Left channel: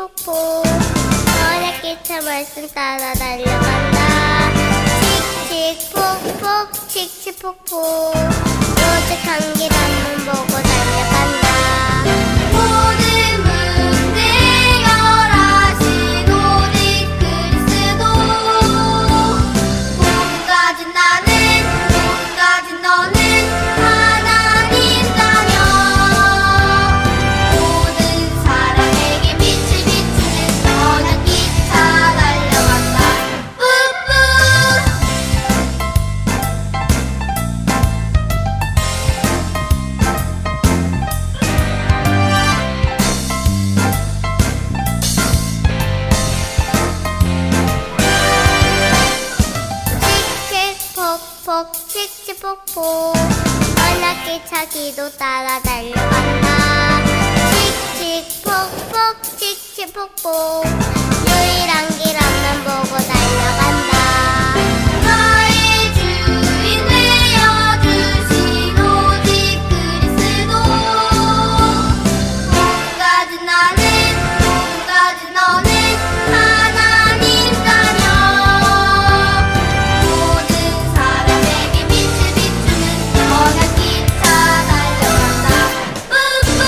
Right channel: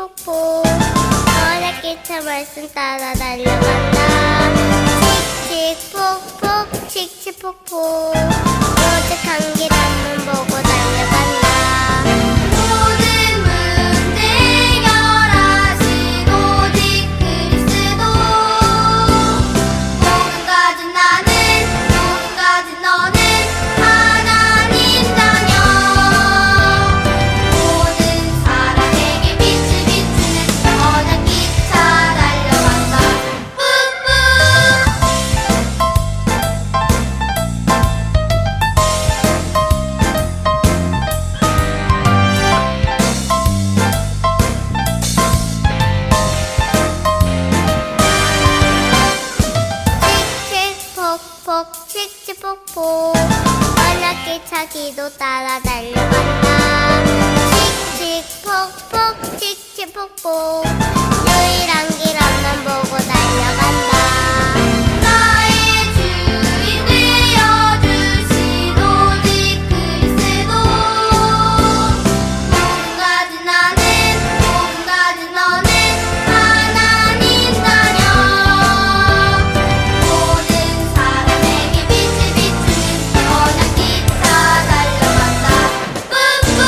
칙칙폭폭 어렵기차 말씀 따라 달려간다. 칙칙폭폭 칙칙폭폭 오직 한 길 앞만 보고 달려간다. 모든 문제 해결하신 오직 그리스도. 복음 가진 나는, 복음 가진 너는 하나님 자녀. 모든 사람에게 빛을 비추는 선한 기차 달려간다. 뿌뿌. 칙칙폭폭 칙칙폭폭 언약기차 기도 따라 달려간다. 칙칙폭폭 칙칙폭폭 유일한 길 앞만 보고 달려간다. 나의 주인 되어주신 오직 그리스도. 복음 가진 나는, 복음 가진 너는 하나님 자녀. 모든 사람에게 빛을 비추는 선한 기차 달려간다. 뿌뿌.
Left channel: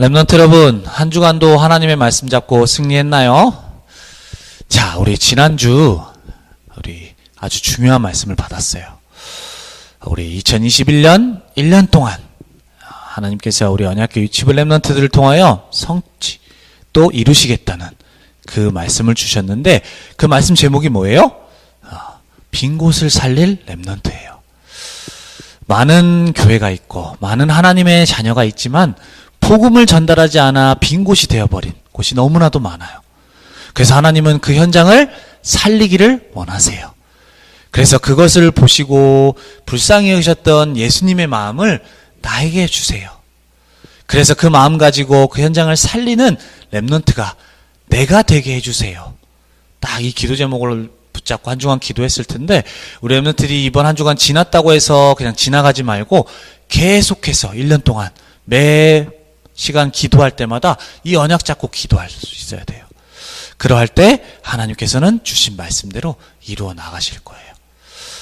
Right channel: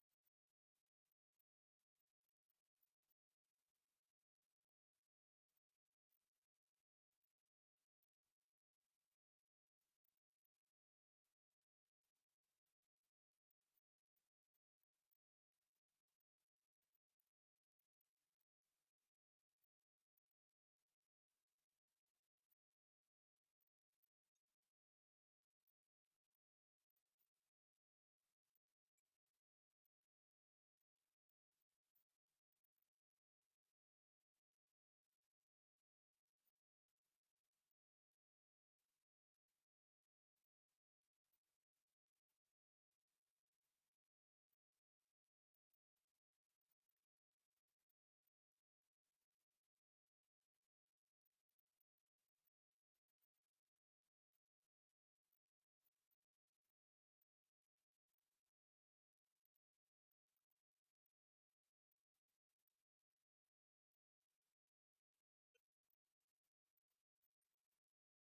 렘넌트 여러분, 한 주간도 하나님의 말씀 잡고 승리했나요? 자, 우리 지난주 우리 아주 중요한 말씀을 받았어요. 우리 2021년 1년 동안 하나님께서 우리 언약궤 유치부 렘넌트들을 통하여 성취 또 이루시겠다는 그 말씀을 주셨는데, 그 말씀 제목이 뭐예요? 빈 곳을 살릴 렘넌트예요. 많은 교회가 있고 많은 하나님의 자녀가 있지만 복음을 전달하지 않아 빈 곳이 되어버린 곳이 너무나도 많아요. 그래서 하나님은 그 현장을 살리기를 원하세요. 그래서 그것을 보시고 불쌍히 여기셨던 예수님의 마음을 나에게 주세요. 그래서 그 마음 가지고 그 현장을 살리는 렘넌트가 내가 되게 해주세요. 딱 이 기도 제목을 붙잡고 한 주간 기도했을 텐데, 우리 렘넌트들이 이번 한 주간 지났다고 해서 그냥 지나가지 말고 계속해서 1년 동안 매 시간 기도할 때마다 이 언약 잡고 기도할 수 있어야 돼요. 그러할 때 하나님께서는 주신 말씀대로 이루어 나가실 거예요.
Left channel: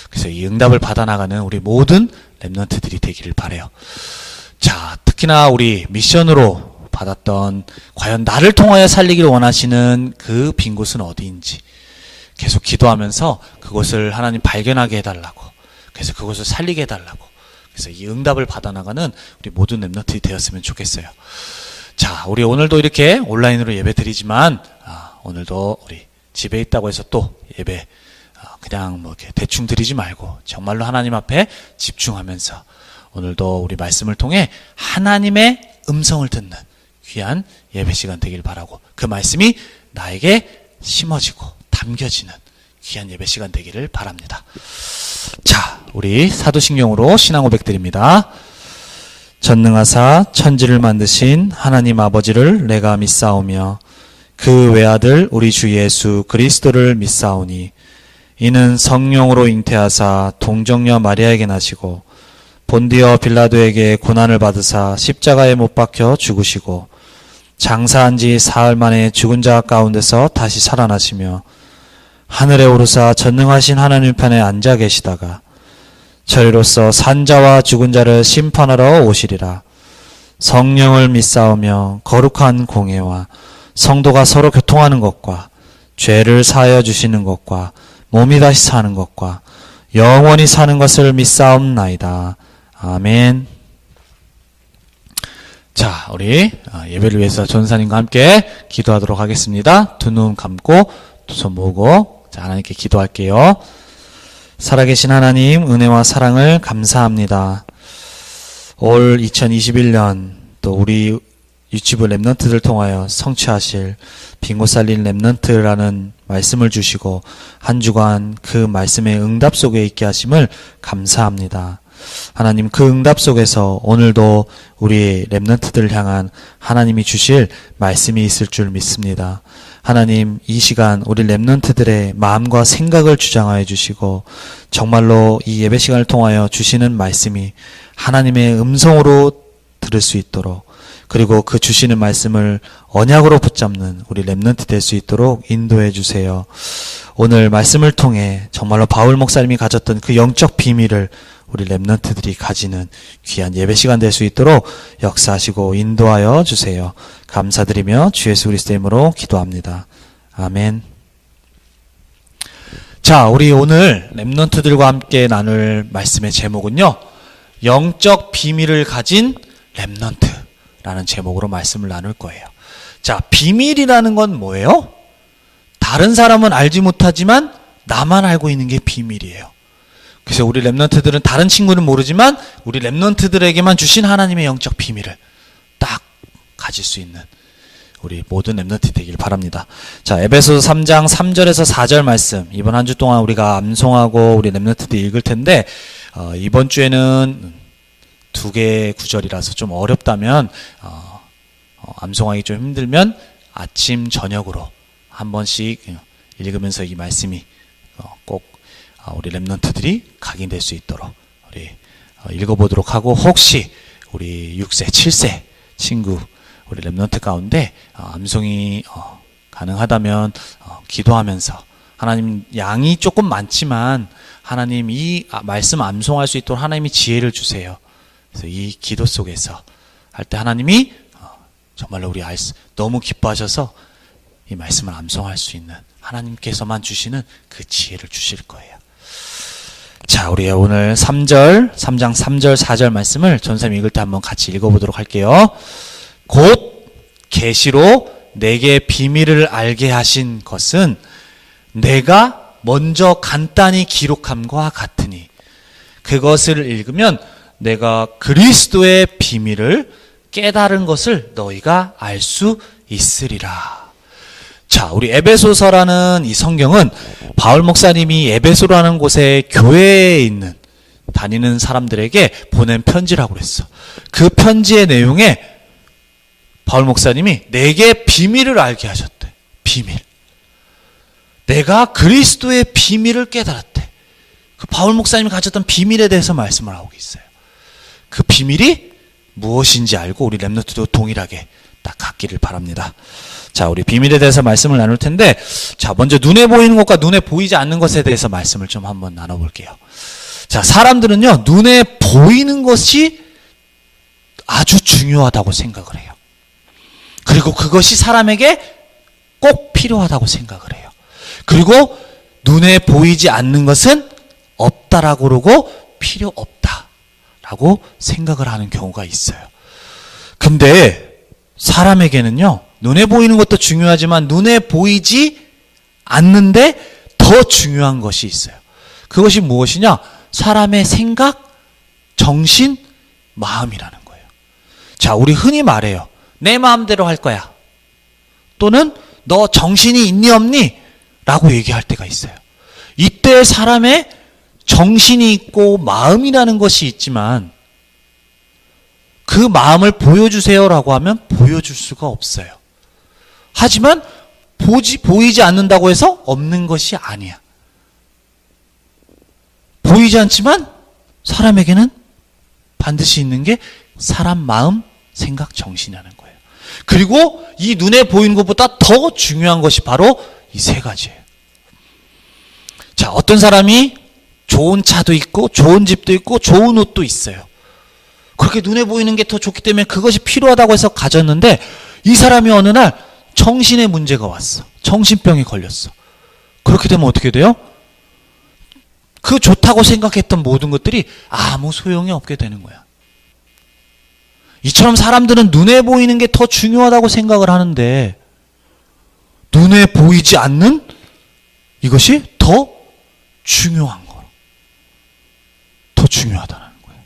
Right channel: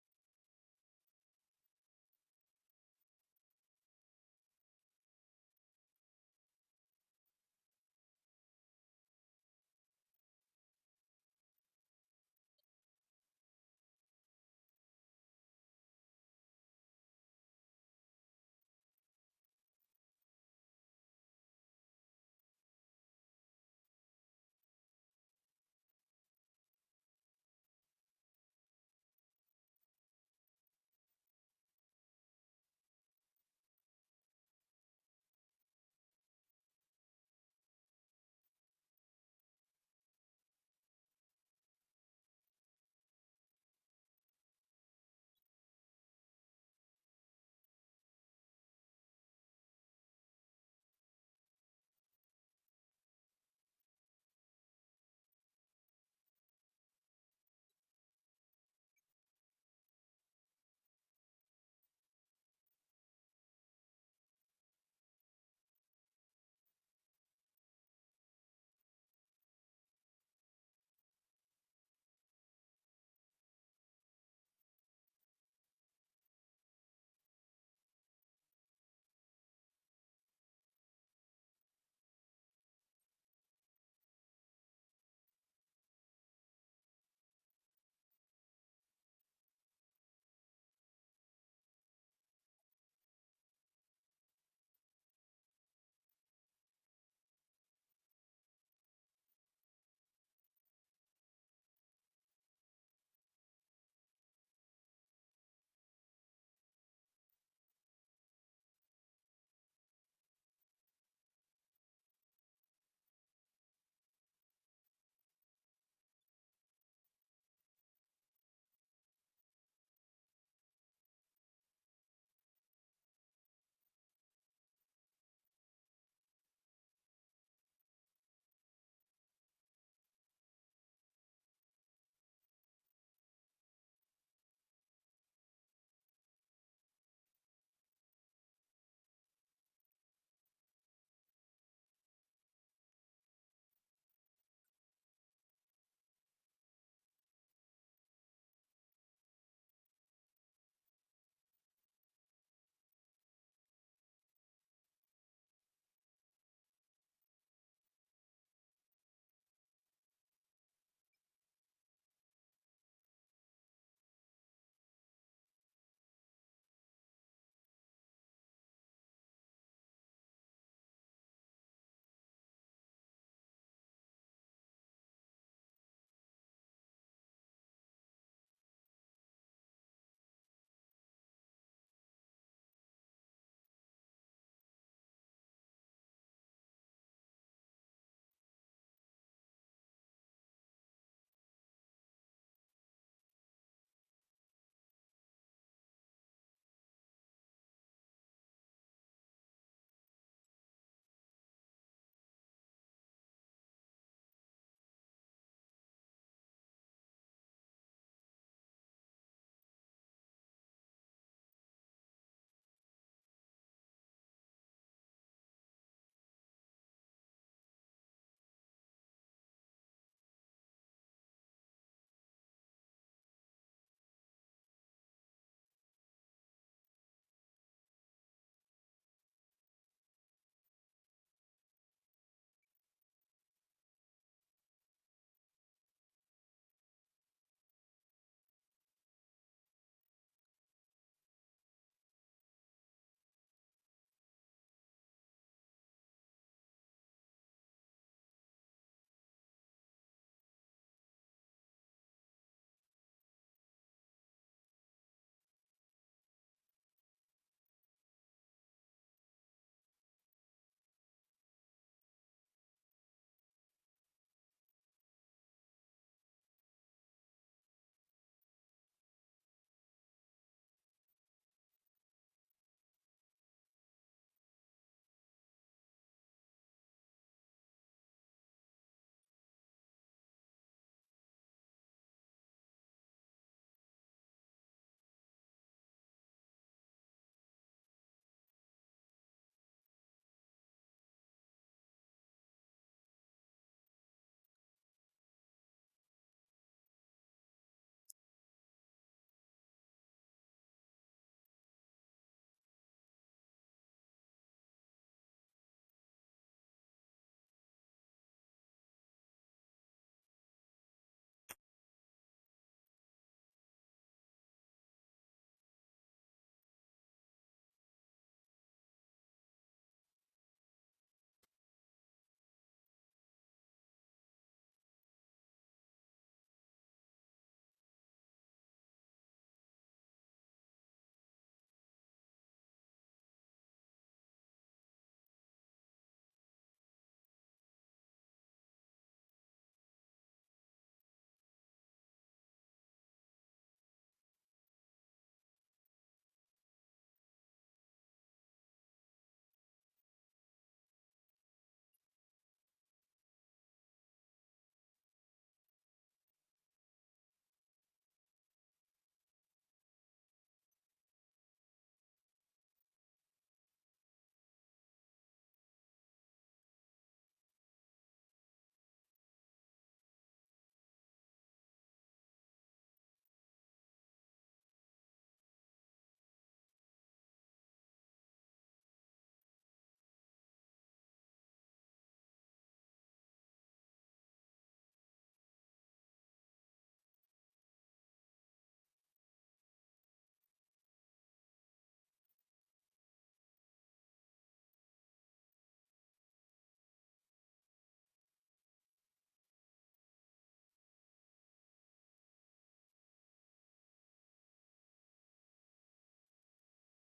그래서 이 응답을 받아나가는 우리 모든 렘넌트들이 되기를 바라요. 자, 특히나 우리 미션으로 받았던 과연 나를 통하여 살리기를 원하시는 그 빈 곳은 어디인지 계속 기도하면서 그곳을 하나님 발견하게 해달라고, 그래서 그곳을 살리게 해달라고, 그래서 이 응답을 받아나가는 우리 모든 렘넌트들이 되었으면 좋겠어요. 자, 우리 오늘도 이렇게 온라인으로 예배 드리지만 오늘도 우리 집에 있다고 해서 또 예배 그냥 뭐 이렇게 대충 드리지 말고 정말로 하나님 앞에 집중하면서 오늘도 우리 말씀을 통해 하나님의 음성을 듣는 귀한 예배 시간 되길 바라고, 그 말씀이 나에게 심어지고 담겨지는 귀한 예배 시간 되기를 바랍니다. 자, 우리 사도신경으로 신앙 고백 드립니다. 전능하사 천지를 만드신 하나님 아버지를 내가 믿사오며 그 외아들 우리 주 예수 그리스도를 믿사오니 이는 성령으로 잉태하사 동정녀 마리아에게 나시고 본디어 빌라도에게 고난을 받으사 십자가에 못 박혀 죽으시고 장사한 지 사흘 만에 죽은 자 가운데서 다시 살아나시며 하늘에 오르사 전능하신 하나님 편에 앉아 계시다가 저리로서 산자와 죽은 자를 심판하러 오시리라. 성령을 믿사오며 거룩한 공회와 성도가 서로 교통하는 것과 죄를 사하여 주시는 것과 몸이 다시 사는 것과 영원히 사는 것을 믿사옵나이다. 아멘. 자, 우리 예배를 위해서 전사님과 함께 기도하도록 하겠습니다. 두 눈 감고 두 손 모으고 자, 하나님께 기도할게요. 살아계신 하나님, 은혜와 사랑을 감사합니다. 올 2021년 또 우리 유치부 렘넌트들 통하여 성취하실 빈곳 살린 렘넌트라는 말씀을 주시고 한 주간 그 말씀의 응답 속에 있게 하심을 감사합니다. 하나님, 그 응답 속에서 오늘도 우리 렘넌트들을 향한 하나님이 주실 말씀이 있을 줄 믿습니다. 하나님, 이 시간 우리 렘넌트들의 마음과 생각을 주장하여 주시고 정말로 이 예배 시간을 통하여 주시는 말씀이 하나님의 음성으로 들을 수 있도록, 그리고 그 주시는 말씀을 언약으로 붙잡는 우리 렘넌트 될 수 있도록 인도해 주세요. 오늘 말씀을 통해 정말로 바울 목사님이 가졌던 그 영적 비밀을 우리 렘넌트들이 가지는 귀한 예배 시간 될 수 있도록 역사하시고 인도하여 주세요. 감사드리며 주 예수 그리스도의 이름으로 기도합니다. 아멘. 자, 우리 오늘 렘넌트들과 함께 나눌 말씀의 제목은요, 영적 비밀을 가진 렘넌트라는 제목으로 말씀을 나눌 거예요. 자, 비밀이라는 건 뭐예요? 다른 사람은 알지 못하지만 나만 알고 있는 게 비밀이에요. 그래서 우리 렘넌트들은 다른 친구는 모르지만 우리 렘넌트들에게만 주신 하나님의 영적 비밀을 딱 가질 수 있는 우리 모든 렘넌트 되길 바랍니다. 자, 에베소서 3장 3절에서 4절 말씀, 이번 한 주 동안 우리가 암송하고 우리 렘넌트들이 읽을 텐데 이번 주에는 두 개의 구절이라서 좀 어렵다면 암송하기 좀 힘들면 아침 저녁으로 한 번씩 읽으면서 이 말씀이 꼭 우리 렘넌트들이 각인될 수 있도록 우리 읽어보도록 하고, 혹시 우리 6세, 7세 친구 우리 렘넌트 가운데 암송이 가능하다면 기도하면서 하나님, 양이 조금 많지만 하나님 이 말씀 암송할 수 있도록 하나님이 지혜를 주세요. 그래서 이 기도 속에서 할 때 하나님이 정말로 우리 너무 기뻐하셔서 이 말씀을 암송할 수 있는 하나님께서만 주시는 그 지혜를 주실 거예요. 자, 우리 오늘 3장 3절 4절 말씀을 전사님 읽을 때 한번 같이 읽어보도록 할게요. 곧 계시로 내게 비밀을 알게 하신 것은 내가 먼저 간단히 기록함과 같으니 그것을 읽으면 내가 그리스도의 비밀을 깨달은 것을 너희가 알 수 있으리라. 자, 우리 에베소서라는 이 성경은 바울 목사님이 에베소라는 곳에 교회에 있는 다니는 사람들에게 보낸 편지라고 그랬어. 그 편지의 내용에 바울 목사님이 내게 비밀을 알게 하셨대. 비밀. 내가 그리스도의 비밀을 깨달았대. 그 바울 목사님이 가졌던 비밀에 대해서 말씀을 하고 있어요. 그 비밀이 무엇인지 알고 우리 렘넌트도 동일하게 딱 갖기를 바랍니다. 자, 우리 비밀에 대해서 말씀을 나눌 텐데, 자, 먼저 눈에 보이는 것과 눈에 보이지 않는 것에 대해서 말씀을 좀 한번 나눠볼게요. 자, 사람들은요, 눈에 보이는 것이 아주 중요하다고 생각을 해요. 그리고 그것이 사람에게 꼭 필요하다고 생각을 해요. 그리고 눈에 보이지 않는 것은 없다라고 그러고 필요 없다라고 생각을 하는 경우가 있어요. 근데 사람에게는요, 눈에 보이는 것도 중요하지만 눈에 보이지 않는데 더 중요한 것이 있어요. 그것이 무엇이냐? 사람의 생각, 정신, 마음이라는 거예요. 자, 우리 흔히 말해요. 내 마음대로 할 거야. 또는 너 정신이 있니 없니? 라고 얘기할 때가 있어요. 이때 사람의 정신이 있고 마음이라는 것이 있지만 그 마음을 보여주세요라고 하면 보여줄 수가 없어요. 하지만 보이지 않는다고 해서 없는 것이 아니야. 보이지 않지만 사람에게는 반드시 있는 게 사람 마음, 생각, 정신이라는 거예요. 그리고 이 눈에 보이는 것보다 더 중요한 것이 바로 이 세 가지예요. 자, 어떤 사람이 좋은 차도 있고 좋은 집도 있고 좋은 옷도 있어요. 그렇게 눈에 보이는 게 더 좋기 때문에 그것이 필요하다고 해서 가졌는데 이 사람이 어느 날 정신에 문제가 왔어. 정신병에 걸렸어. 그렇게 되면 어떻게 돼요? 그 좋다고 생각했던 모든 것들이 아무 소용이 없게 되는 거야. 이처럼 사람들은 눈에 보이는 게 더 중요하다고 생각을 하는데 눈에 보이지 않는 이것이 더 중요한 거. 더 중요하다는 거예요.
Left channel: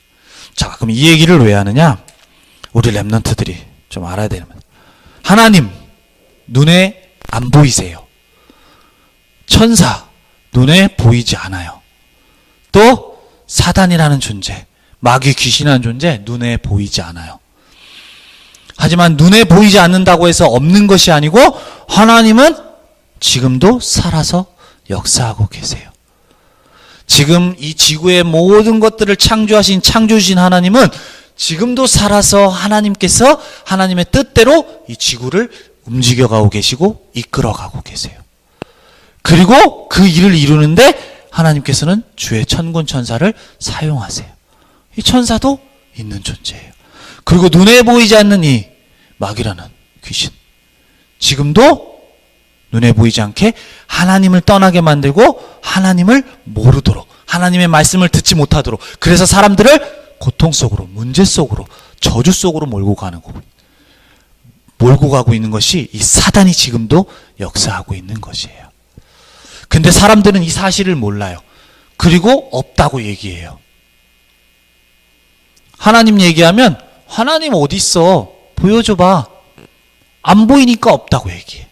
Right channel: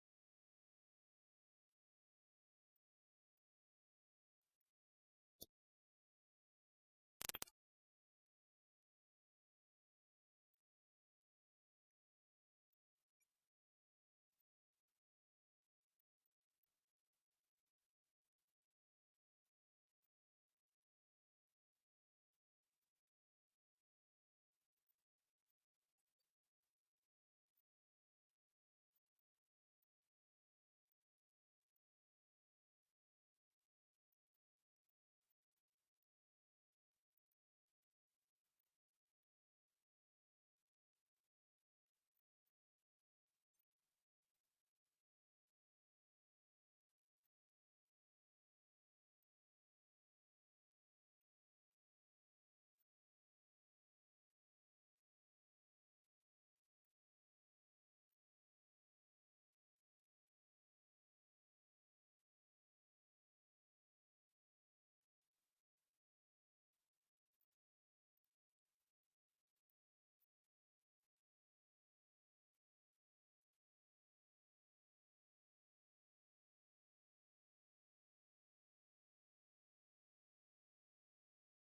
자, 그럼 이 얘기를 왜 하느냐? 우리 렘넌트들이 좀 알아야 되는 거예요. 하나님, 눈에 안 보이세요. 천사, 눈에 보이지 않아요. 또 사단이라는 존재, 마귀 귀신이라는 존재, 눈에 보이지 않아요. 하지만 눈에 보이지 않는다고 해서 없는 것이 아니고 하나님은 지금도 살아서 역사하고 계세요. 지금 이 지구의 모든 것들을 창조하신 창조주신 하나님은 지금도 살아서 하나님께서 하나님의 뜻대로 이 지구를 움직여가고 계시고 이끌어가고 계세요. 그리고 그 일을 이루는데 하나님께서는 주의 천군 천사를 사용하세요. 이 천사도 있는 존재예요. 그리고 눈에 보이지 않는 이 마귀라는 귀신, 지금도 눈에 보이지 않게 하나님을 떠나게 만들고 하나님을 모르도록, 하나님의 말씀을 듣지 못하도록, 그래서 사람들을 고통 속으로, 문제 속으로, 저주 속으로 몰고 가고 있는 것이 이 사단이 지금도 역사하고 있는 것이에요. 근데 사람들은 이 사실을 몰라요. 그리고 없다고 얘기해요. 하나님 얘기하면 하나님 어디 있어? 보여줘봐. 안 보이니까 없다고 얘기해.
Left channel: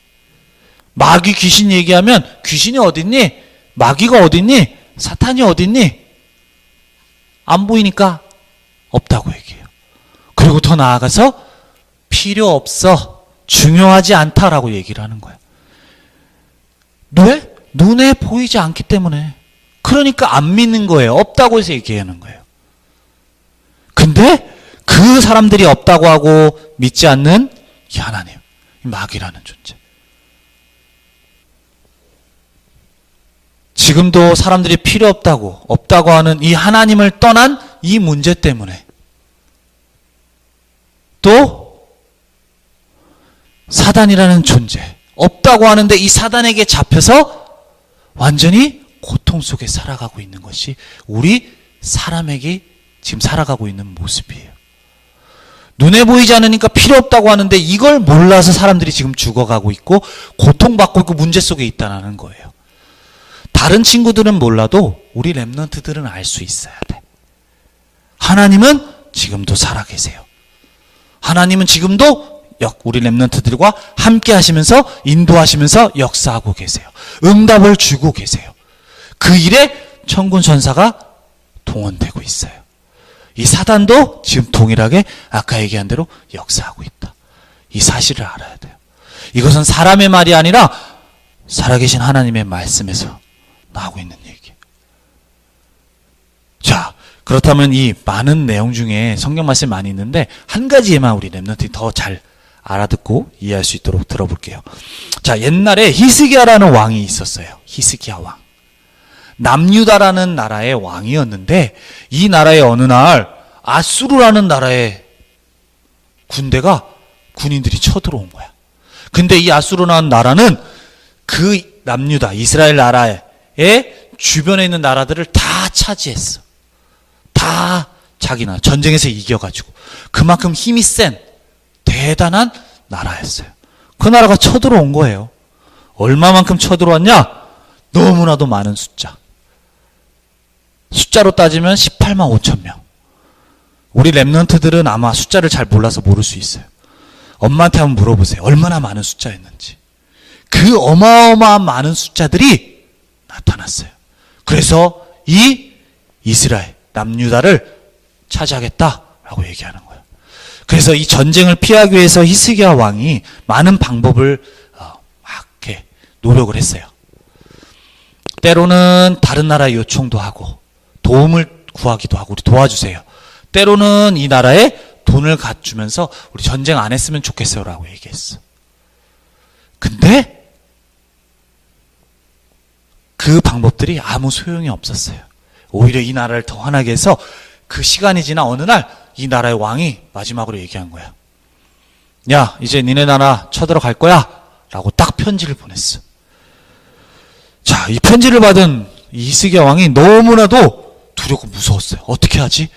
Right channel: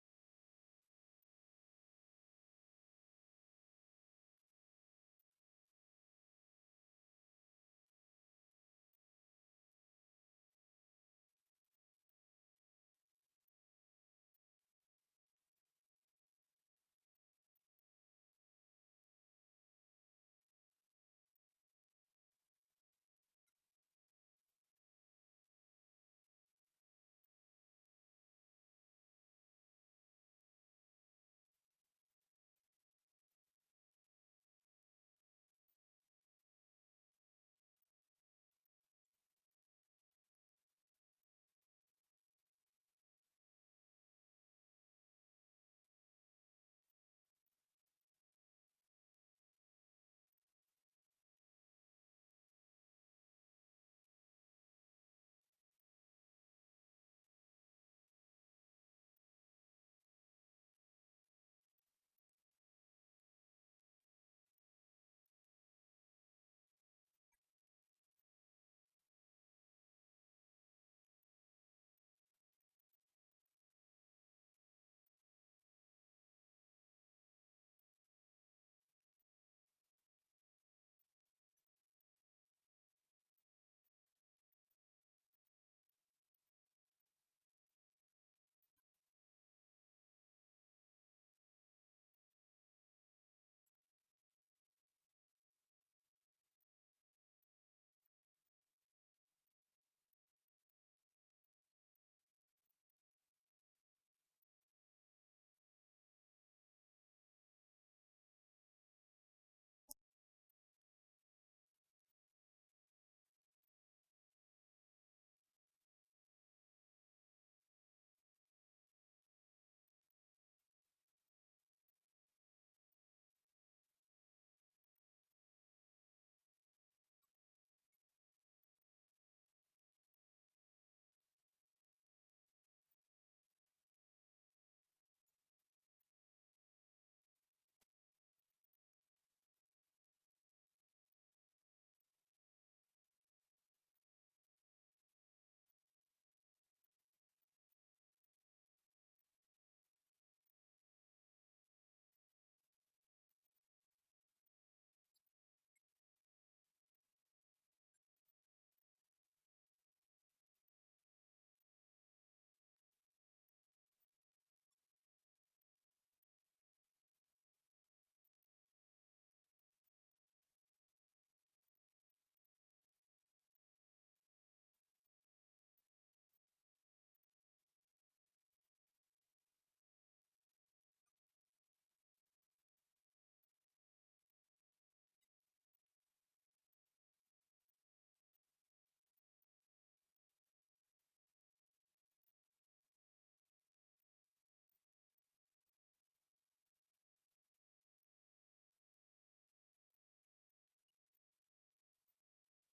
마귀 귀신 얘기하면 귀신이 어딨니? 마귀가 어딨니? 사탄이 어딨니? 안 보이니까 없다고 얘기해요. 그리고 더 나아가서 필요 없어, 중요하지 않다라고 얘기를 하는 거야. 왜? 눈에 보이지 않기 때문에. 그러니까 안 믿는 거예요. 없다고 해서 얘기하는 거예요. 근데 그 사람들이 없다고 하고 믿지 않는 이 하나님, 이 마귀라는 존재, 지금도 사람들이 필요 없다고 하는 이 하나님을 떠난 이 문제 때문에 또 사단이라는 존재 없다고 하는데 이 사단에게 잡혀서 완전히 고통 속에 살아가고 있는 것이 우리 사람에게 지금 살아가고 있는 모습이에요. 눈에 보이지 않으니까 필요 없다고 하는데 이걸 몰라서 사람들이 지금 죽어가고 있고 고통받고 있고 문제 속에 있다는 거예요. 다른 친구들은 몰라도 우리 렘넌트들은 알 수 있어야 돼. 하나님은 지금도 살아계세요. 하나님은 지금도 우리 렘넌트들과 함께 하시면서 인도하시면서 역사하고 계세요. 응답을 주고 계세요. 그 일에 천군 천사가 동원되고 있어요. 이 사단도 지금 동일하게 아까 얘기한 대로 역사하고 있다. 이 사실을 알아야 돼요. 이것은 사람의 말이 아니라 살아계신 하나님의 말씀에서 나오고 있는 얘기예요. 자, 그렇다면 이 많은 내용 중에 성경 말씀이 많이 있는데 한 가지에만 우리 렘넌트들이 더 잘 알아듣고 이해할 수 있도록 들어볼게요. 자, 옛날에 히스기야라는 왕이 있었어요. 히스기야 왕. 남유다라는 나라의 왕이었는데 이 나라의 어느 날 아수르라는 나라의 군인들이 쳐들어온 거야. 근데 이 아수르라는 나라는 그 남유다 이스라엘 나라의 주변에 있는 나라들을 다 차지했어. 다 자기 나라 전쟁에서 이겨가지고 그만큼 힘이 센 대단한 나라였어요. 그 나라가 쳐들어온 거예요. 얼마만큼 쳐들어왔냐? 너무나도 많은 숫자로 따지면 18만 5천 명. 우리 렘넌트들은 아마 숫자를 잘 몰라서 모를 수 있어요. 엄마한테 한번 물어보세요. 얼마나 많은 숫자였는지. 그 어마어마한 많은 숫자들이 나타났어요. 그래서 이 이스라엘 남유다를 차지하겠다라고 얘기하는 거예요. 그래서 이 전쟁을 피하기 위해서 히스기야 왕이 많은 방법을 막 이렇게 노력을 했어요. 때로는 다른 나라에 요청도 하고 도움을 구하기도 하고 우리 도와주세요. 때로는 이 나라에 돈을 갖주면서 우리 전쟁 안 했으면 좋겠어요 라고 얘기했어. 근데 그 방법들이 아무 소용이 없었어요. 오히려 이 나라를 더 화나게 해서 그 시간이 지나 어느 날 이 나라의 왕이 마지막으로 얘기한 거야. 야, 이제 니네 나라 쳐들어갈 거야 라고 딱 편지를 보냈어. 자, 이 편지를 받은 이 히스기야 왕이 너무나도 두렵고 무서웠어요. 어떻게 하지?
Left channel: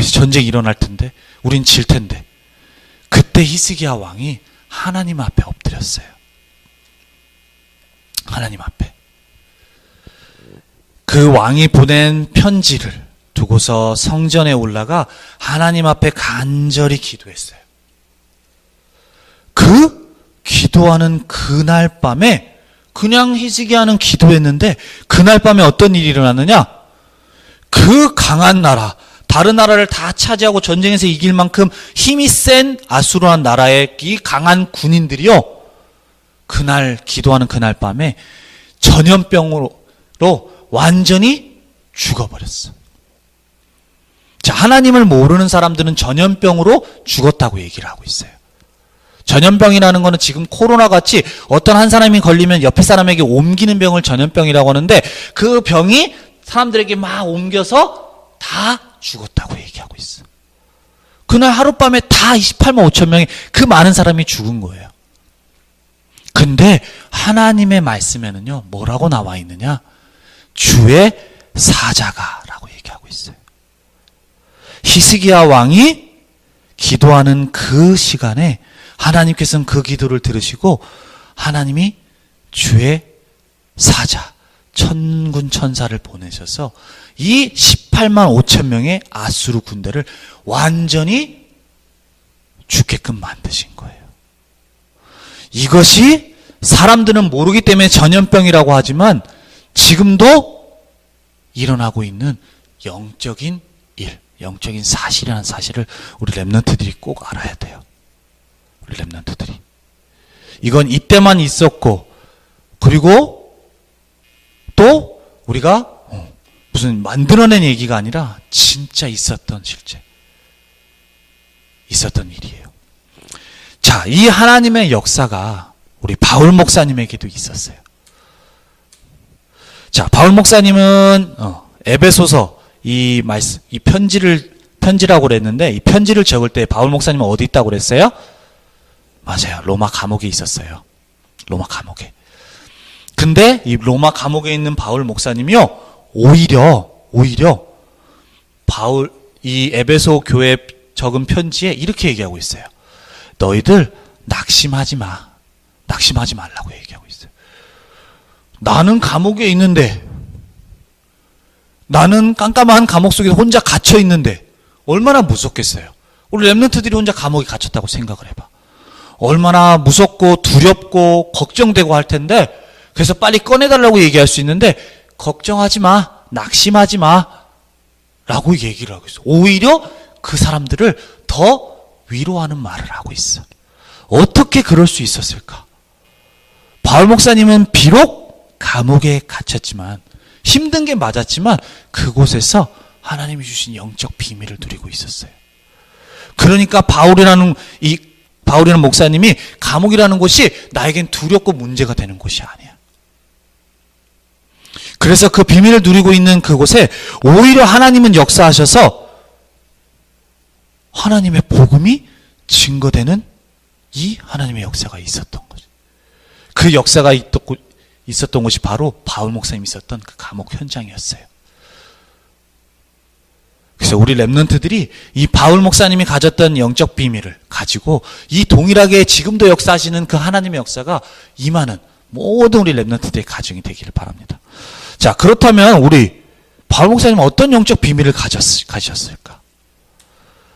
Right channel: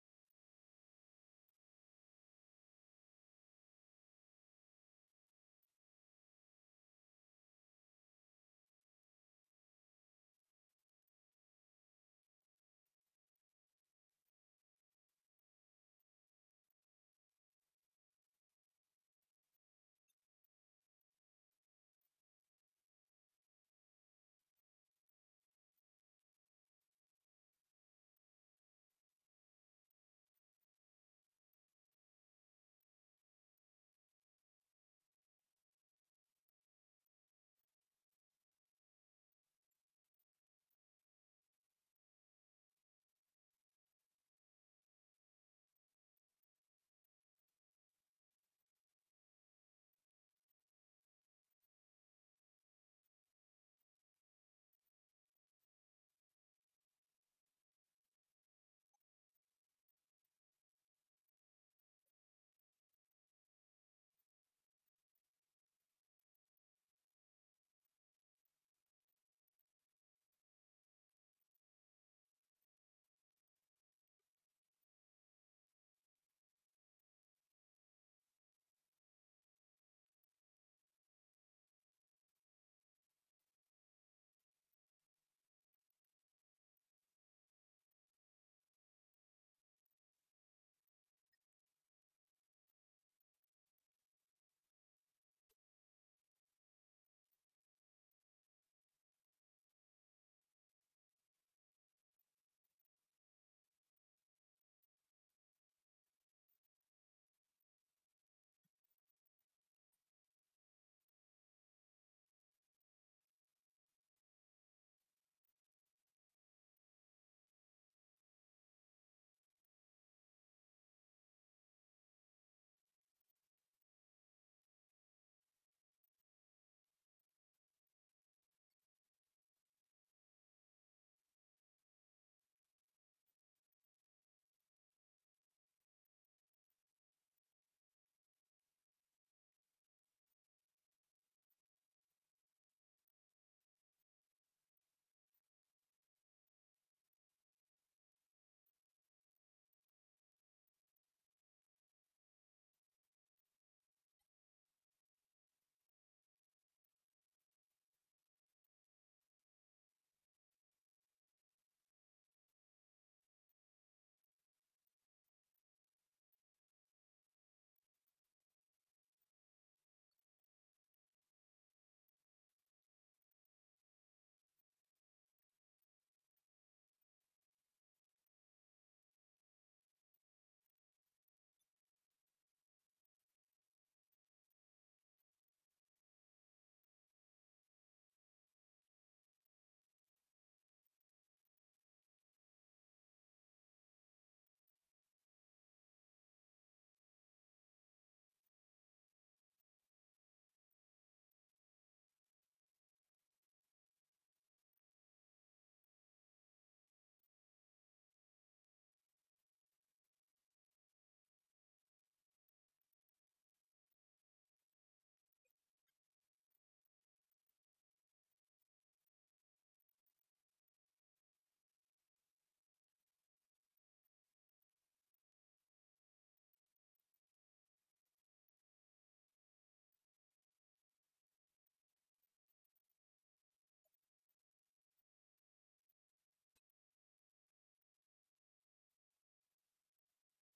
이제 전쟁이 일어날 텐데 우린 질 텐데. 그때 히스기야 왕이 하나님 앞에 엎드렸어요. 하나님 앞에. 그 왕이 보낸 편지를 두고서 성전에 올라가 하나님 앞에 간절히 기도했어요. 그 기도하는 그날 밤에 그냥 히스기야는 기도했는데 그날 밤에 어떤 일이 일어났느냐? 그 강한 나라, 다른 나라를 다 차지하고 전쟁에서 이길 만큼 힘이 센 아수르한 나라의 이 강한 군인들이요. 그날 기도하는 그날 밤에 전염병으로 완전히 죽어버렸어. 자, 하나님을 모르는 사람들은 전염병으로 죽었다고 얘기를 하고 있어요. 전염병이라는 거는 지금 코로나 같이 어떤 한 사람이 걸리면 옆에 사람에게 옮기는 병을 전염병이라고 하는데 그 병이 사람들에게 막 옮겨서 다 죽었다고 얘기하고 있어. 그날 하룻밤에 다 28만 5천 명이 그 많은 사람이 죽은 거예요. 근데 하나님의 말씀에는요 뭐라고 나와 있느냐? 주의 사자가라고 얘기하고 있어요. 히스기야 왕이 기도하는 그 시간에 하나님께서는 그 기도를 들으시고 하나님이 주의 사자 천군 천사를 보내셔서 이 18만 5천 명의 아수르 군대를 완전히 죽게끔 만드신 거예요. 이것이 사람들은 모르기 때문에 전염병이라고 하지만 지금도 일어나고 있는 영적인 일, 영적인 사실이라는 사실을 우리 렘넌트들이 꼭 알아야 돼요. 우리 렘넌트들이. 이건 이때만 있었고 그리고 또 우리가 무슨 만들어낸 얘기가 아니라 진짜 있었던 실제 있었던 일이에요. 자, 이 하나님의 역사가 우리 바울 목사님에게도 있었어요. 자, 바울 목사님은 에베소서 이 편지라고 그랬는데 이 편지를 적을 때 바울 목사님은 어디 있다고 그랬어요? 맞아요. 로마 감옥에 있었어요. 로마 감옥에. 근데 이 로마 감옥에 있는 바울 목사님이요, 오히려 바울 이 에베소 교회에 적은 편지에 이렇게 얘기하고 있어요. 너희들 낙심하지 말라고 얘기하고 있어요. 나는 감옥에 있는데, 나는 깜깜한 감옥 속에 혼자 갇혀 있는데 얼마나 무섭겠어요. 우리 랩런트들이 혼자 감옥에 갇혔다고 생각을 해봐. 얼마나 무섭고 두렵고 걱정되고 할 텐데, 그래서 빨리 꺼내달라고 얘기할 수 있는데, 걱정하지 마, 낙심하지 마 라고 얘기를 하고 있어. 오히려 그 사람들을 더 위로하는 말을 하고 있어. 어떻게 그럴 수 있었을까? 바울 목사님은 비록 감옥에 갇혔지만, 힘든 게 맞았지만 그곳에서 하나님이 주신 영적 비밀을 누리고 있었어요. 그러니까 바울이라는 목사님이 감옥이라는 곳이 나에겐 두렵고 문제가 되는 곳이 아니야. 그래서 그 비밀을 누리고 있는 그곳에 오히려 하나님은 역사하셔서 하나님의 복음이 증거되는 이 하나님의 역사가 있었던 거죠. 그 역사가 있었던 곳이 바로 바울 목사님이 있었던 그 감옥 현장이었어요. 그래서 우리 랩런트들이 이 바울 목사님이 가졌던 영적 비밀을 가지고 이 동일하게 지금도 역사하시는 그 하나님의 역사가 임하는 모든 우리 랩런트들의 가정이 되기를 바랍니다. 자, 그렇다면 우리 바울 목사님은 어떤 영적 비밀을 가지셨을까?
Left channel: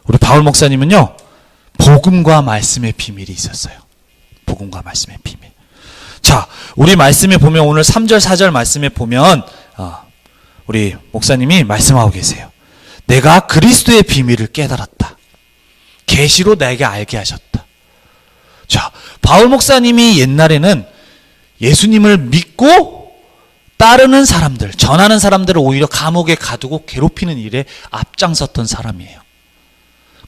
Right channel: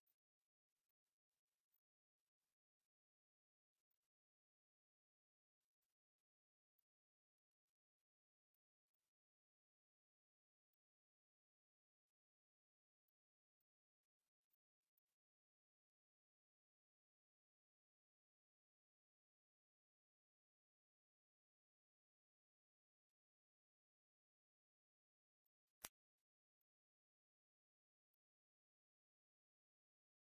우리 바울 목사님은요, 복음과 말씀의 비밀이 있었어요. 복음과 말씀의 비밀. 자, 우리 말씀에 보면 오늘 3절 4절 말씀에 보면 우리 목사님이 말씀하고 계세요. 내가 그리스도의 비밀을 깨달았다. 계시로 내게 알게 하셨다. 자, 바울 목사님이 옛날에는 예수님을 믿고 따르는 사람들, 전하는 사람들을 오히려 감옥에 가두고 괴롭히는 일에 앞장섰던 사람이에요.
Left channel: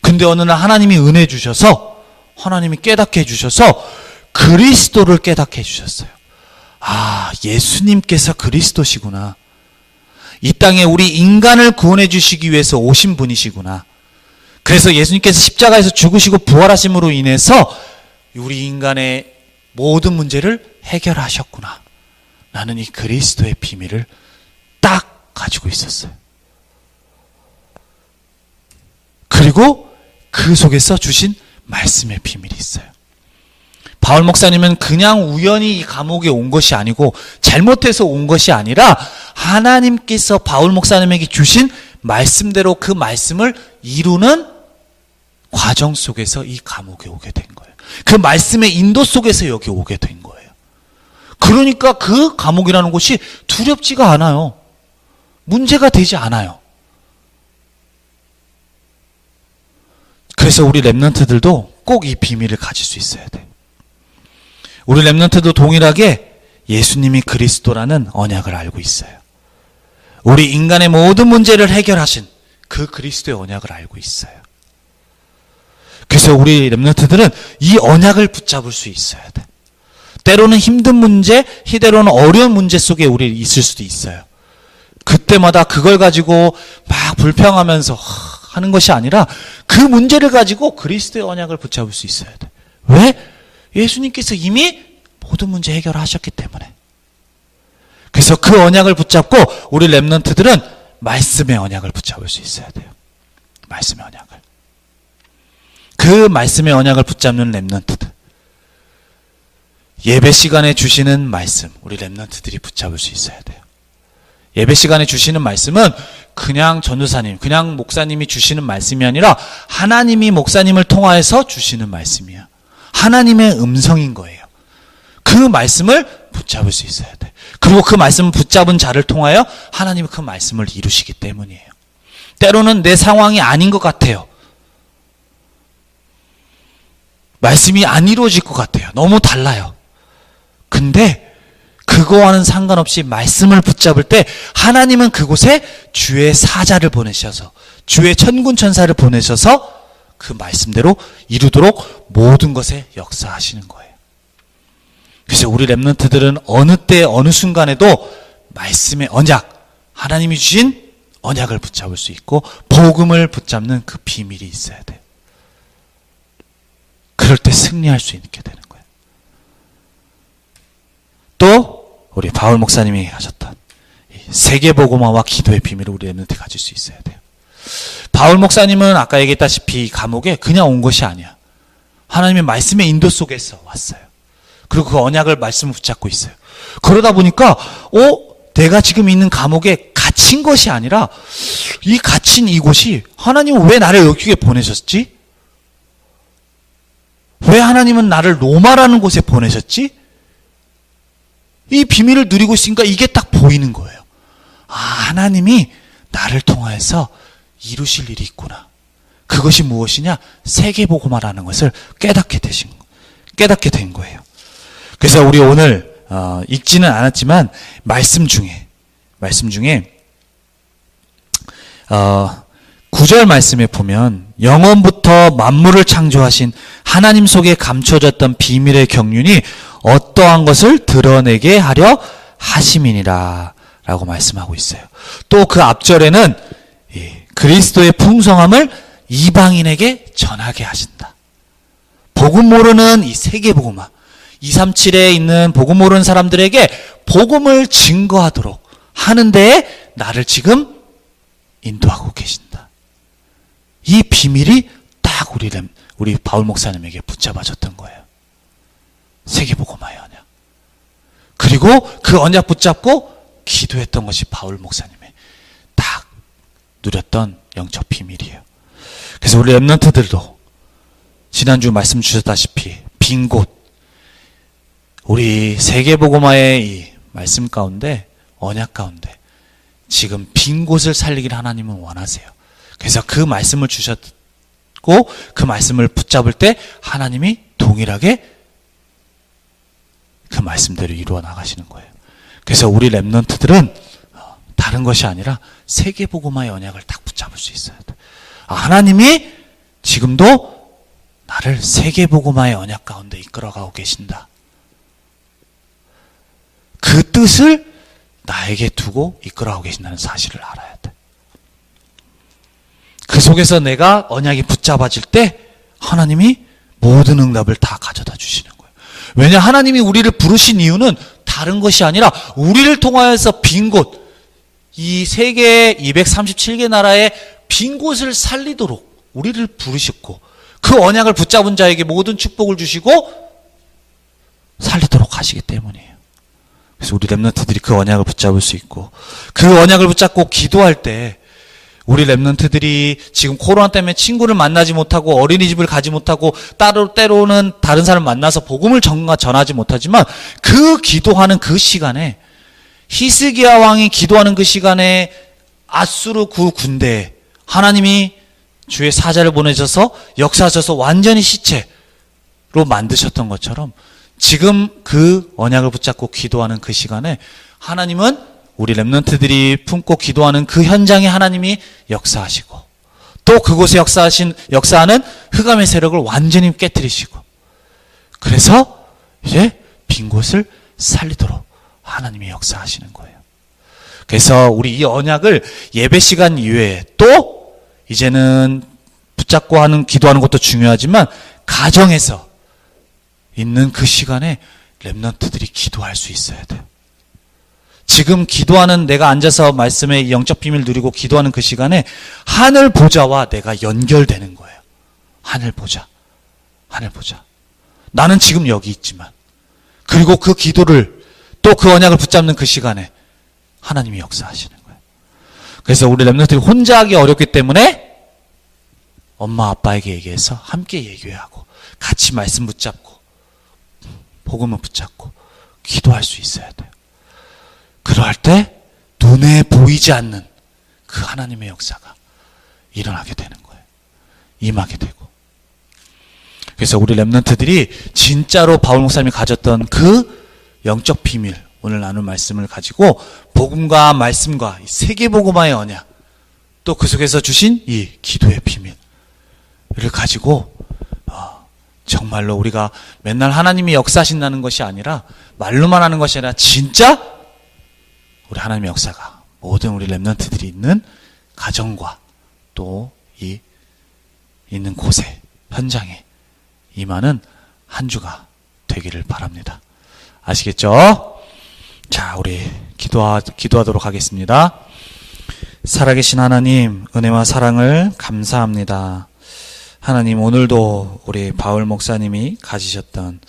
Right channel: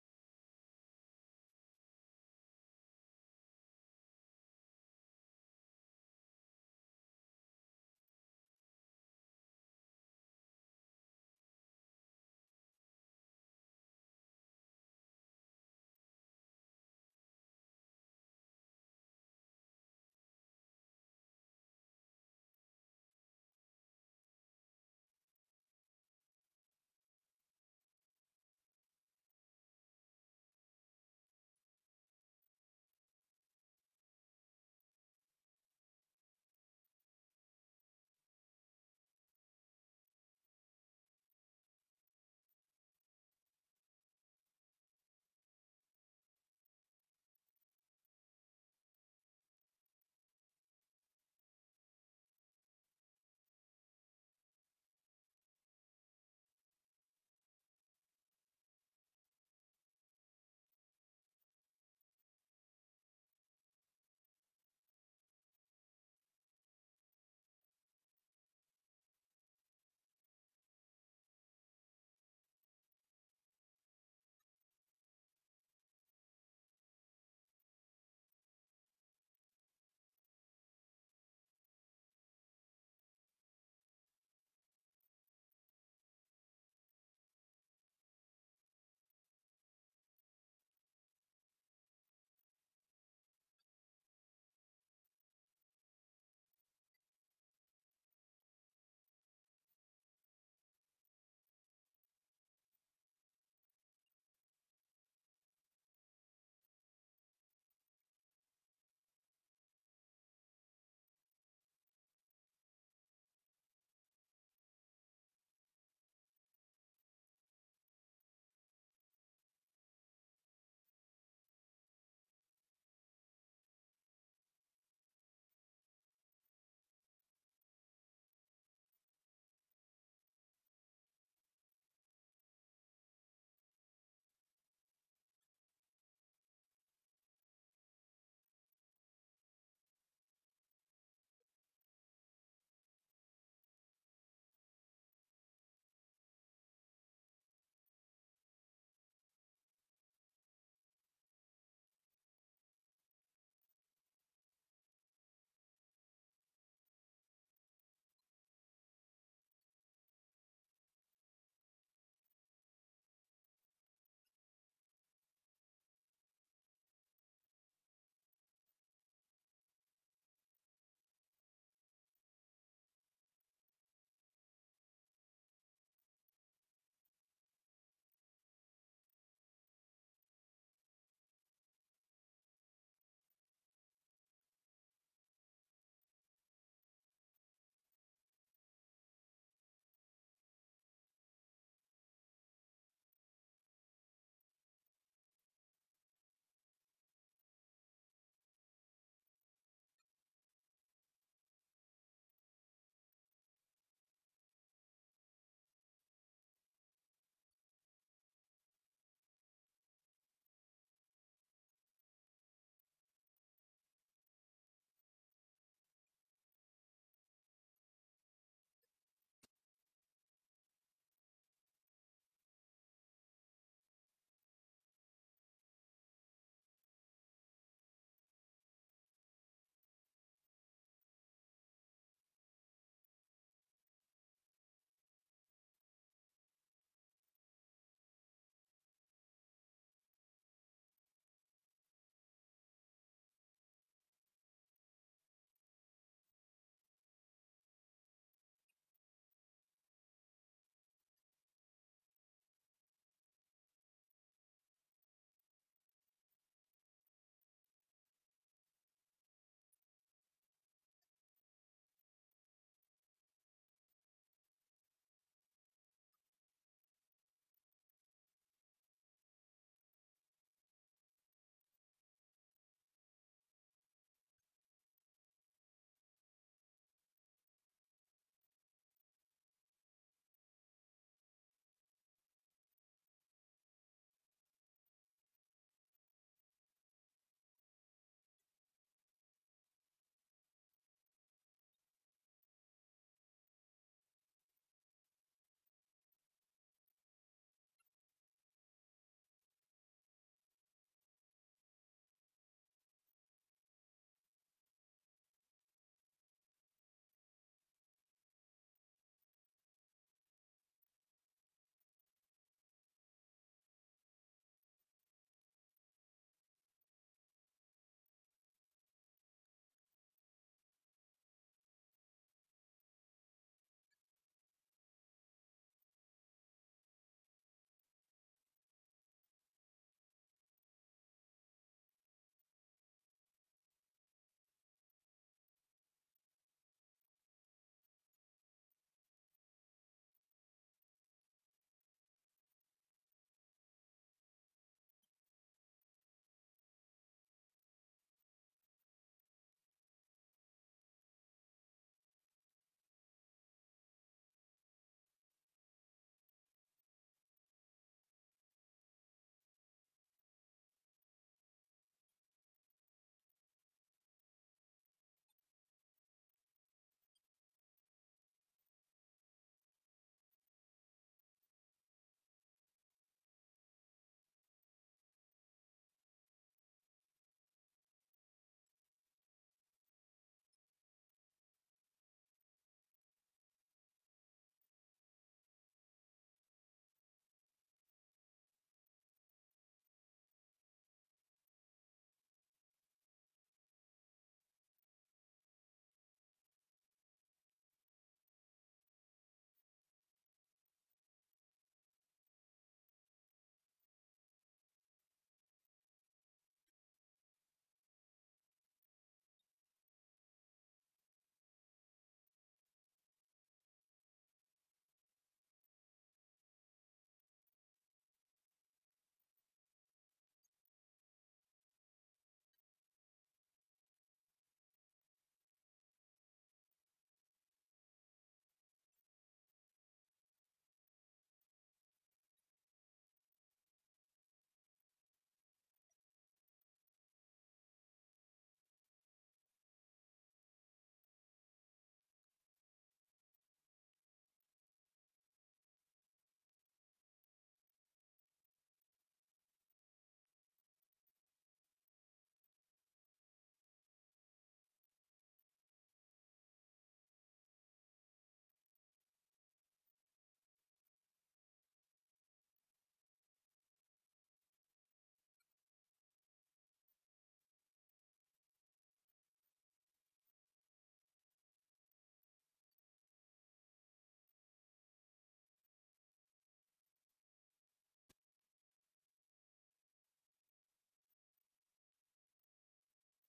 근데 어느 날 하나님이 은혜 주셔서, 하나님이 깨닫게 해주셔서 그리스도를 깨닫게 해주셨어요. 아, 예수님께서 그리스도시구나. 이 땅에 우리 인간을 구원해 주시기 위해서 오신 분이시구나. 그래서 예수님께서 십자가에서 죽으시고 부활하심으로 인해서 우리 인간의 모든 문제를 해결하셨구나. 나는 이 그리스도의 비밀을 딱 가지고 있었어요. 그리고 그 속에서 주신 말씀의 비밀이 있어요. 바울 목사님은 그냥 우연히 이 감옥에 온 것이 아니고 잘못해서 온 것이 아니라 하나님께서 바울 목사님에게 주신 말씀대로 그 말씀을 이루는 과정 속에서 이 감옥에 오게 된 거예요. 그 말씀의 인도 속에서 여기 오게 된 거예요. 그러니까 그 감옥이라는 곳이 두렵지가 않아요. 문제가 되지 않아요. 그래서 우리 랩런트들도 꼭 이 비밀을 가질 수 있어야 돼요. 우리 랩런트도 동일하게 예수님이 그리스도라는 언약을 알고 있어요. 우리 인간의 모든 문제를 해결하신 그 그리스도의 언약을 알고 있어요. 그래서 우리 랩런트들은 이 언약을 붙잡을 수 있어야 돼. 때로는 힘든 문제, 때로는 어려운 문제 속에 우리 있을 수도 있어요. 그때마다 그걸 가지고 막 불평하면서 하는 것이 아니라 그 문제를 가지고 그리스도의 언약을 붙잡을 수 있어야 돼. 왜? 예수님께서 이미 모든 문제 해결하셨기 때문에. 그래서 그 언약을 붙잡고 우리 랩런트들은 말씀의 언약을 붙잡을 수 있어야 돼요. 말씀의 언약을. 그 말씀의 언약을 붙잡는 랩런트들. 예배 시간에 주시는 말씀, 우리 랩런트들이 붙잡을 수 있어야 돼요. 예배 시간에 주시는 말씀은 그냥 전도사님, 그냥 목사님이 주시는 말씀이 아니라 하나님이 목사님을 통하여서 주시는 말씀이야. 하나님의 음성인 거예요. 그 말씀을 붙잡을 수 있어야 돼. 그리고 그 말씀을 붙잡은 자를 통하여 하나님은 그 말씀을 이루시기 때문이에요. 때로는 내 상황이 아닌 것 같아요. 말씀이 안 이루어질 것 같아요. 너무 달라요. 근데 그거와는 상관없이 말씀을 붙잡을 때 하나님은 그곳에 주의 사자를 보내셔서, 주의 천군 천사를 보내셔서 그 말씀대로 이루도록 모든 것에 역사하시는 거예요. 그래서 우리 랩런트들은 어느 때 어느 순간에도 말씀의 언약, 하나님이 주신 언약을 붙잡을 수 있고 복음을 붙잡는 그 비밀이 있어야 돼요. 그럴 그럴 때 승리할 수 있게 되는 거예요. 또 우리 바울 목사님이 하셨던 세계복음화와 기도의 비밀을 우리 랩런트 가질 수 있어야 돼요. 바울 목사님은 아까 얘기했다시피 이 감옥에 그냥 온 것이 아니야. 하나님의 말씀의 인도 속에서 왔어요. 그리고 그 언약을 말씀을 붙잡고 있어요. 그러다 보니까 내가 지금 있는 감옥에 갇힌 것이 아니라 이 갇힌 이곳이 하나님은 왜 나를 여기에 보내셨지? 왜 하나님은 나를 로마라는 곳에 보내셨지? 이 비밀을 누리고 있으니까 이게 딱 보이는 거예요. 하나님이 나를 통하여서 이루실 일이 있구나. 그것이 무엇이냐? 세계복음화라는 것을 깨닫게 된 거예요. 그래서 우리 오늘 읽지는 않았지만 말씀 중에 9절 말씀에 보면 영원부터 만물을 창조하신 하나님 속에 감춰졌던 비밀의 경륜이 어떠한 것을 드러내게 하려 하심이니라 라고 말씀하고 있어요. 또 그 앞절에는 그리스도의 풍성함을 이방인에게 전하게 하신다. 복음 모르는 이 세계복음화 237에 있는 복음 모르는 사람들에게 복음을 증거하도록 하는 데에 나를 지금 인도하고 계신다. 이 비밀이 딱 우리 바울 목사님에게 붙잡아졌던 거예요. 세계복음화의 언약. 그리고 그 언약 붙잡고 기도했던 것이 바울 목사님의 딱 누렸던 영적 비밀이에요. 그래서 우리 랩런트들도 지난주 말씀 주셨다시피 빈 곳, 우리 세계복음화의 이 말씀 가운데 언약 가운데 지금 빈 곳을 살리기를 하나님은 원하세요. 그래서 그 말씀을 주셨고 그 말씀을 붙잡을 때 하나님이 동일하게 그 말씀대로 이루어 나가시는 거예요. 그래서 우리 랩런트들은 다른 것이 아니라 세계복음화의 언약을 딱 붙잡을 수 있어야 돼. 하나님이 지금도 나를 세계복음화의 언약 가운데 이끌어가고 계신다. 그 뜻을 나에게 두고 이끌어가고 계신다는 사실을 알아야 돼. 그 속에서 내가 언약이 붙잡아질 때 하나님이 모든 응답을 다 가져다 주시는 거예요. 왜냐 하나님이 우리를 부르신 이유는 다른 것이 아니라 우리를 통하여서 빈 곳, 이 세계 237개 나라의 빈 곳을 살리도록 우리를 부르셨고 그 언약을 붙잡은 자에게 모든 축복을 주시고 살리도록 하시기 때문이에요. 그래서 우리 랩런트들이 그 언약을 붙잡을 수 있고 그 언약을 붙잡고 기도할 때 우리 랩런트들이 지금 코로나 때문에 친구를 만나지 못하고 어린이집을 가지 못하고 때로는 다른 사람 만나서 복음을 전하지 못하지만 그 기도하는 그 시간에 히스기야 왕이 기도하는 그 시간에 아수르 그 군대에 하나님이 주의 사자를 보내셔서 역사하셔서 완전히 시체로 만드셨던 것처럼 지금 그 언약을 붙잡고 기도하는 그 시간에 하나님은 우리 랩런트들이 품고 기도하는 그 현장에 하나님이 역사하시고 또 그곳에 역사하는 흑암의 세력을 완전히 깨뜨리시고 그래서 이제 빈 곳을 살리도록 하나님이 역사하시는 거예요. 그래서 우리 이 언약을 예배 시간 이외에 또 이제는 붙잡고 하는 기도하는 것도 중요하지만 가정에서 있는 그 시간에 랩런트들이 기도할 수 있어야 돼요. 지금 기도하는 내가 앉아서 말씀의 영적 비밀을 누리고 기도하는 그 시간에 하늘 보좌와 내가 연결되는 거예요. 하늘 보좌. 나는 지금 여기 있지만 그리고 그 기도를 또 그 언약을 붙잡는 그 시간에 하나님이 역사하시는 거예요. 그래서 우리 랩런트들이 혼자 하기 어렵기 때문에 엄마 아빠에게 얘기해서 함께 얘기하고 같이 말씀 붙잡고 복음을 붙잡고 기도할 수 있어야 돼요. 그럴 때 눈에 보이지 않는 그 하나님의 역사가 일어나게 되는 거예요. 임하게 되고. 그래서 우리 랩런트들이 진짜로 바울 목사님이 가졌던 그 영적 비밀, 오늘 나눌 말씀을 가지고 복음과 말씀과 세계복음화의 언약, 또 그 속에서 주신 이 기도의 비밀을 가지고 정말로 우리가 맨날 하나님이 역사하신다는 것이 아니라 말로만 하는 것이 아니라 진짜 우리 하나님의 역사가 모든 우리 랩런트들이 있는 가정과 또 이 있는 곳에 현장에 임하는 한 주가 되기를 바랍니다. 아시겠죠? 자, 우리 기도하도록 하겠습니다. 살아계신 하나님, 은혜와 사랑을 감사합니다. 하나님, 오늘도 우리 바울 목사님이 가지셨던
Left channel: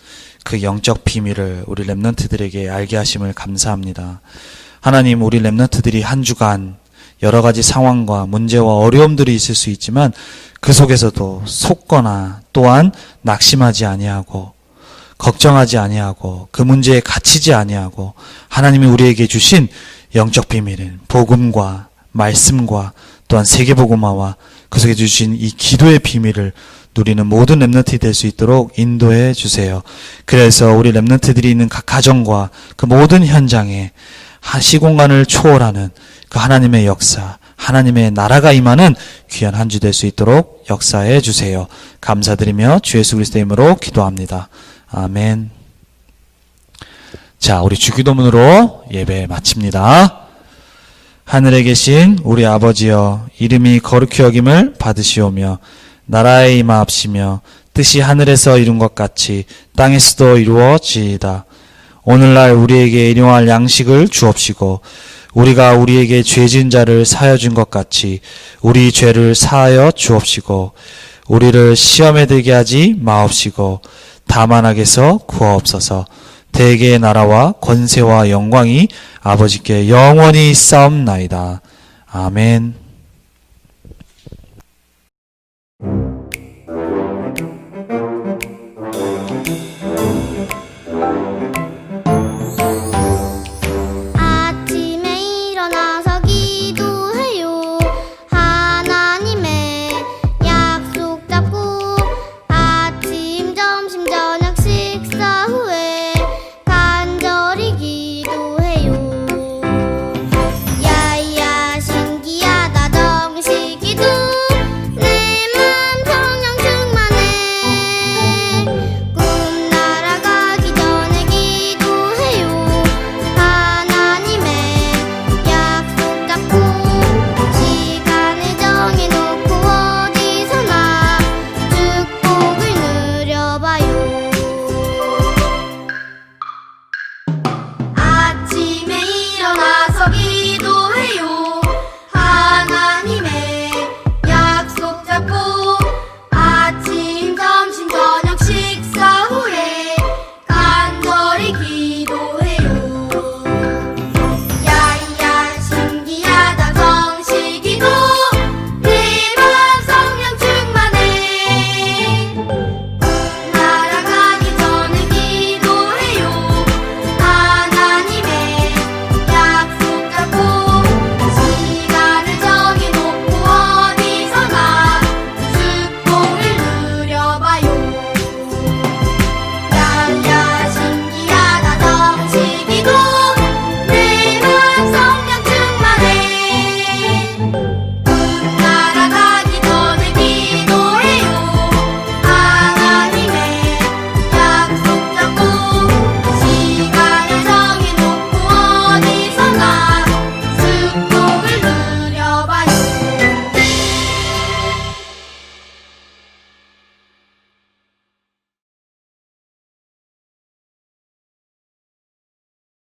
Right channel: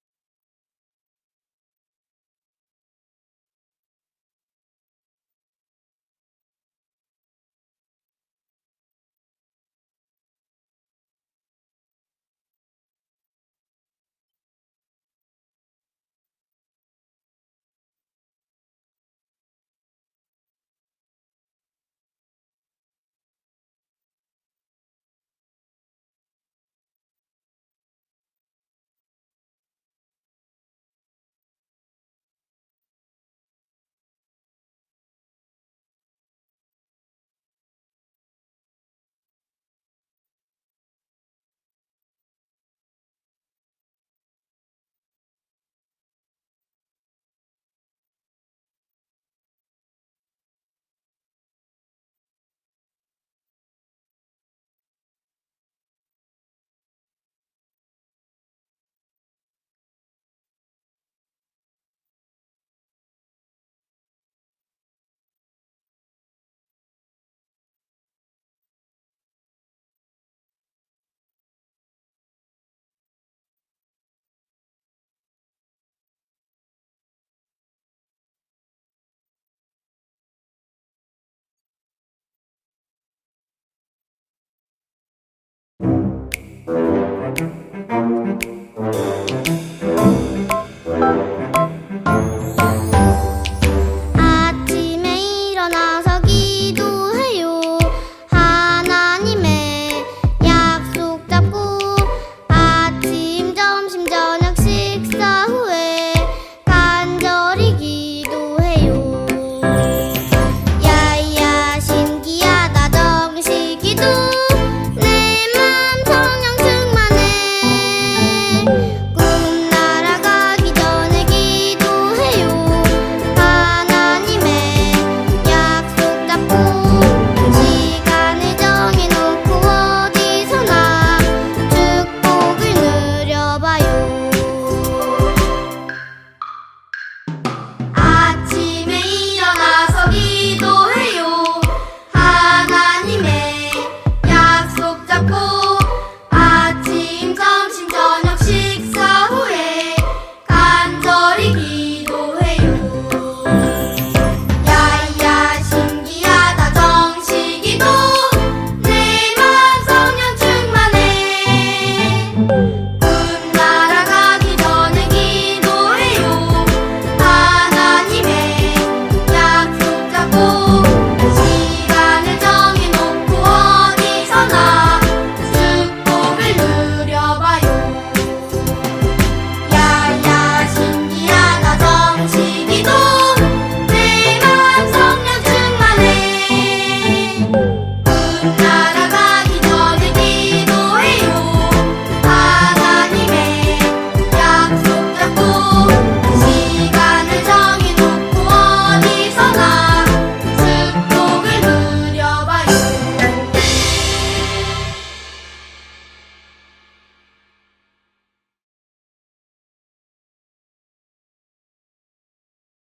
그 영적 비밀을 우리 렘넌트들에게 알게 하심을 감사합니다. 하나님, 우리 렘넌트들이 한 주간 여러 가지 상황과 문제와 어려움들이 있을 수 있지만 그 속에서도 속거나 또한 낙심하지 아니하고 걱정하지 아니하고 그 문제에 갇히지 아니하고 하나님이 우리에게 주신 영적 비밀은 복음과 말씀과 또한 세계복음화와 그 속에 주신 이 기도의 비밀을 누리는 모든 렘넌트이 될 수 있도록 인도해 주세요. 그래서 우리 렘넌트들이 있는 각 가정과 그 모든 현장에 시공간을 초월하는 그 하나님의 역사, 하나님의 나라가 임하는 귀한 한 주 될 수 있도록 역사해 주세요. 감사드리며 주 예수 그리스도의 이름으로 기도합니다. 아멘. 자, 우리 주기도문으로 예배 마칩니다. 하늘에 계신 우리 아버지여, 이름이 거룩히 여김을 받으시오며 나라에 임하옵시며 뜻이 하늘에서 이룬 것 같이 땅에서도 이루어지이다. 오늘날 우리에게 일용할 양식을 주옵시고 우리가 우리에게 죄 지은 자를 사하여 준 것 같이 우리 죄를 사하여 주옵시고 우리를 시험에 들게 하지 마옵시고 다만 악에서 구하옵소서. 대개의 나라와 권세와 영광이 아버지께 영원히 싸움나이다. 아멘.